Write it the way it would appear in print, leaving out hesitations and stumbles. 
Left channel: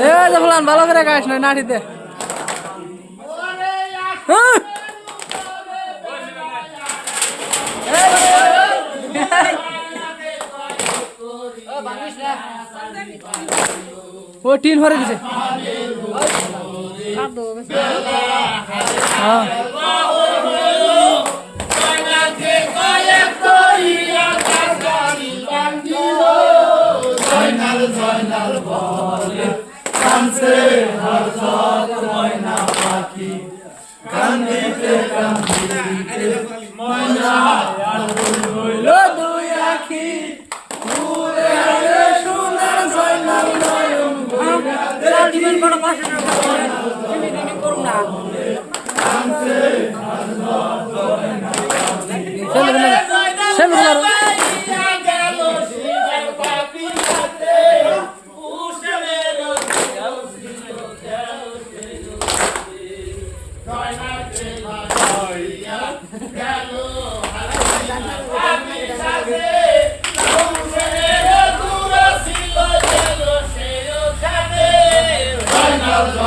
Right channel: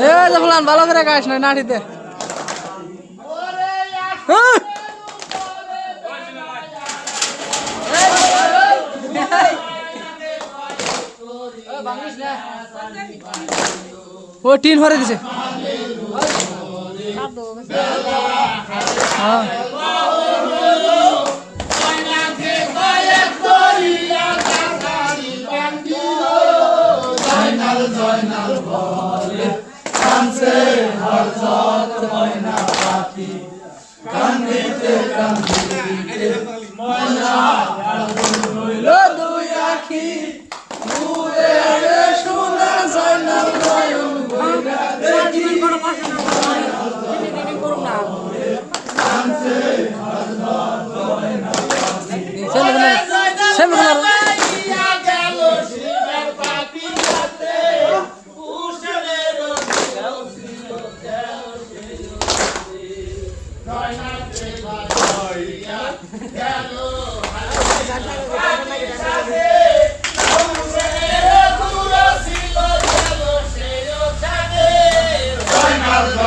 এ দেখলাম ভালো করে গাছ নয় নাঠিতে ও টিন ভরে দিছে হ্যাঁ জয়নাল বলে কানছে হযরত ময়না পাখি কান্দিতে কান্দিতে ময়না হইল দুই আখি দূরে রে শুনে জয়নাল নয়ন ভইরা দেখি কানছে হযরত ময়না পাখি সেলুলার Hello,